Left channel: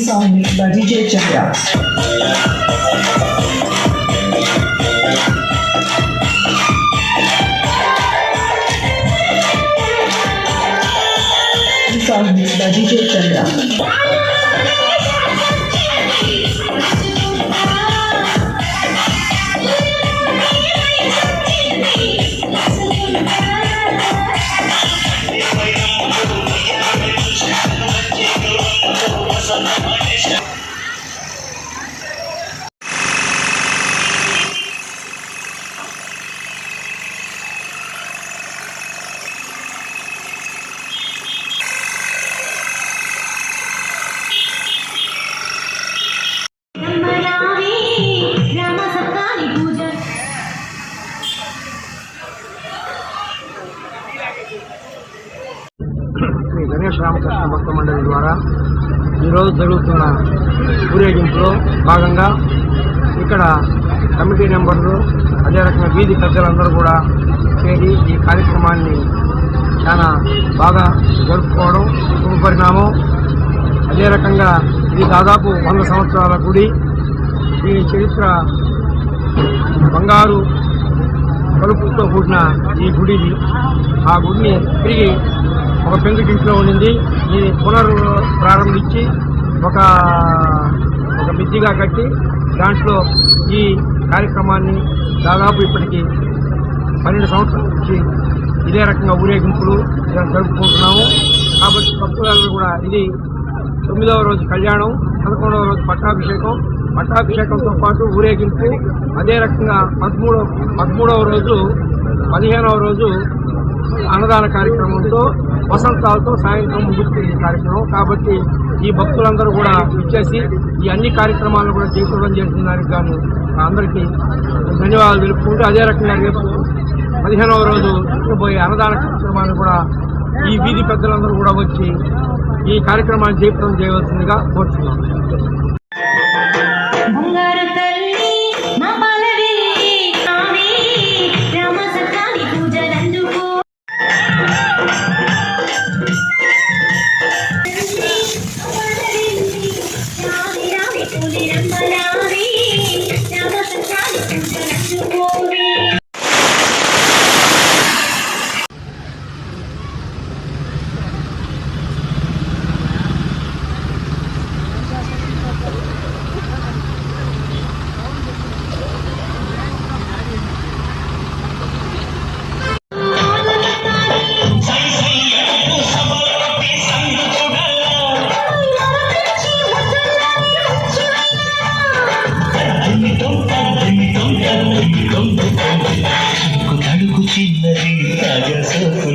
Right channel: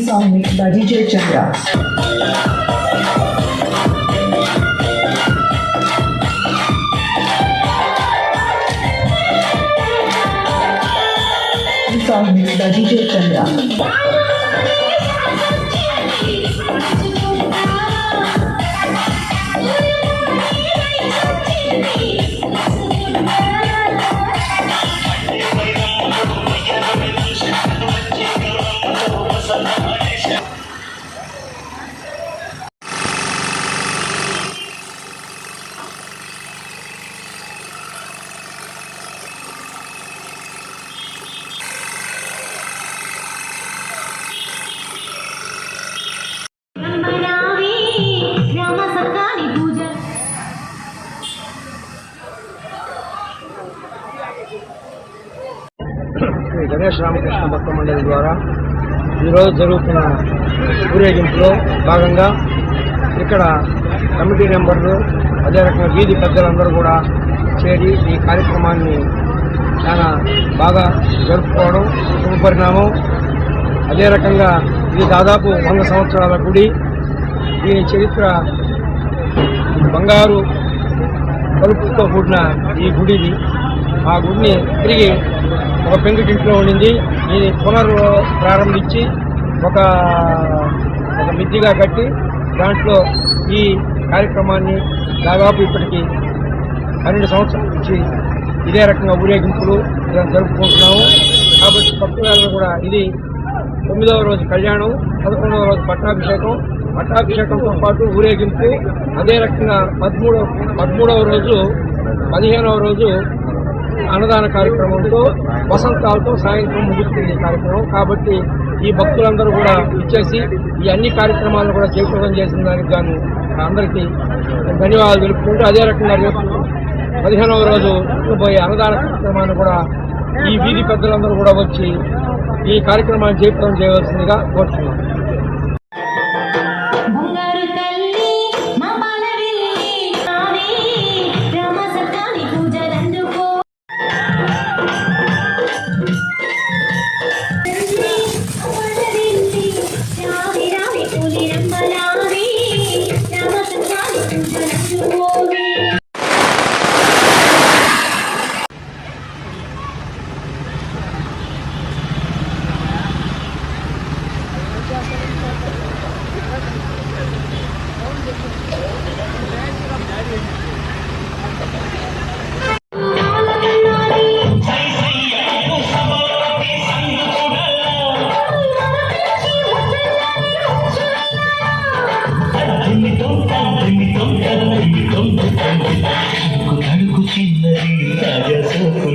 Song mixed by DJ Chandra. Song mixed by DJ Chandra. Shri Ganesh Ramakrishna భక్త మండలి ద్వారా ఈరోజు జరుగుతున్న ఊరేగింపులో భాగంగా ఇక్కడ కమిటీ మెంబర్లు అదే రకంగా వీధి పెద్దలందరూ కూడా చేరి ఈ కార్యక్రమాన్ని చాలా బాగా జరుపుకోవడం శుభపరిణామం. అదే రకంగా ఇది దాదాపు 100 సంవత్సరాల గుడి. దీని చరిత్ర బంగారు కలుపుతో కూడిన ఈ గుడిది. ఆ గుడిని తిరిగి ఒక పెంకుటింట్లో ఉండింది. ఇది ప్రారంభించి ఒక మిద్దిగా కట్టి దాంట్లో ఈ కార్యక్రమాన్ని దాదాపు ఇప్పటికీ 12 సంవత్సరాల నుంచి ఇదే రకంగా ఊరేగింపులు జరుపుకుంటున్నాము. కాబట్టి భక్తులందరూ కూడా ఇది 9వ రోజు కళ్యాణం, 11వ రోజు పట్టాభిషేకంతో పాటు ఊరేగింపు. అదే రకంగా 13వ రోజు 15వ రోజు అన్నదాన కార్యక్రమంతో వసంతాలతో సాయంత్రం ముగుస్తుంది కార్యక్రమం. కాబట్టి ఈ భక్తులందరూ కూడా ఇచ్చేసి ఈ అన్ని కార్యక్రమాలను కూడా జయప్రదం చేసిన దానికి గాను అందరికీ ధన్యవాదాలు తెలుపుకుంటూ, అదే రకంగా రేపు 15వ రోజు పోయే అన్నదాన కార్యక్రమాన్ని కూడా ఈ వీధి పెద్దలందరూ కూడా వచ్చి ఈ కార్యక్రమాన్ని జయప్రదం చేయవలసిందిగా కోరుతున్నాం. తడుకు చిన్నది రాజసోకు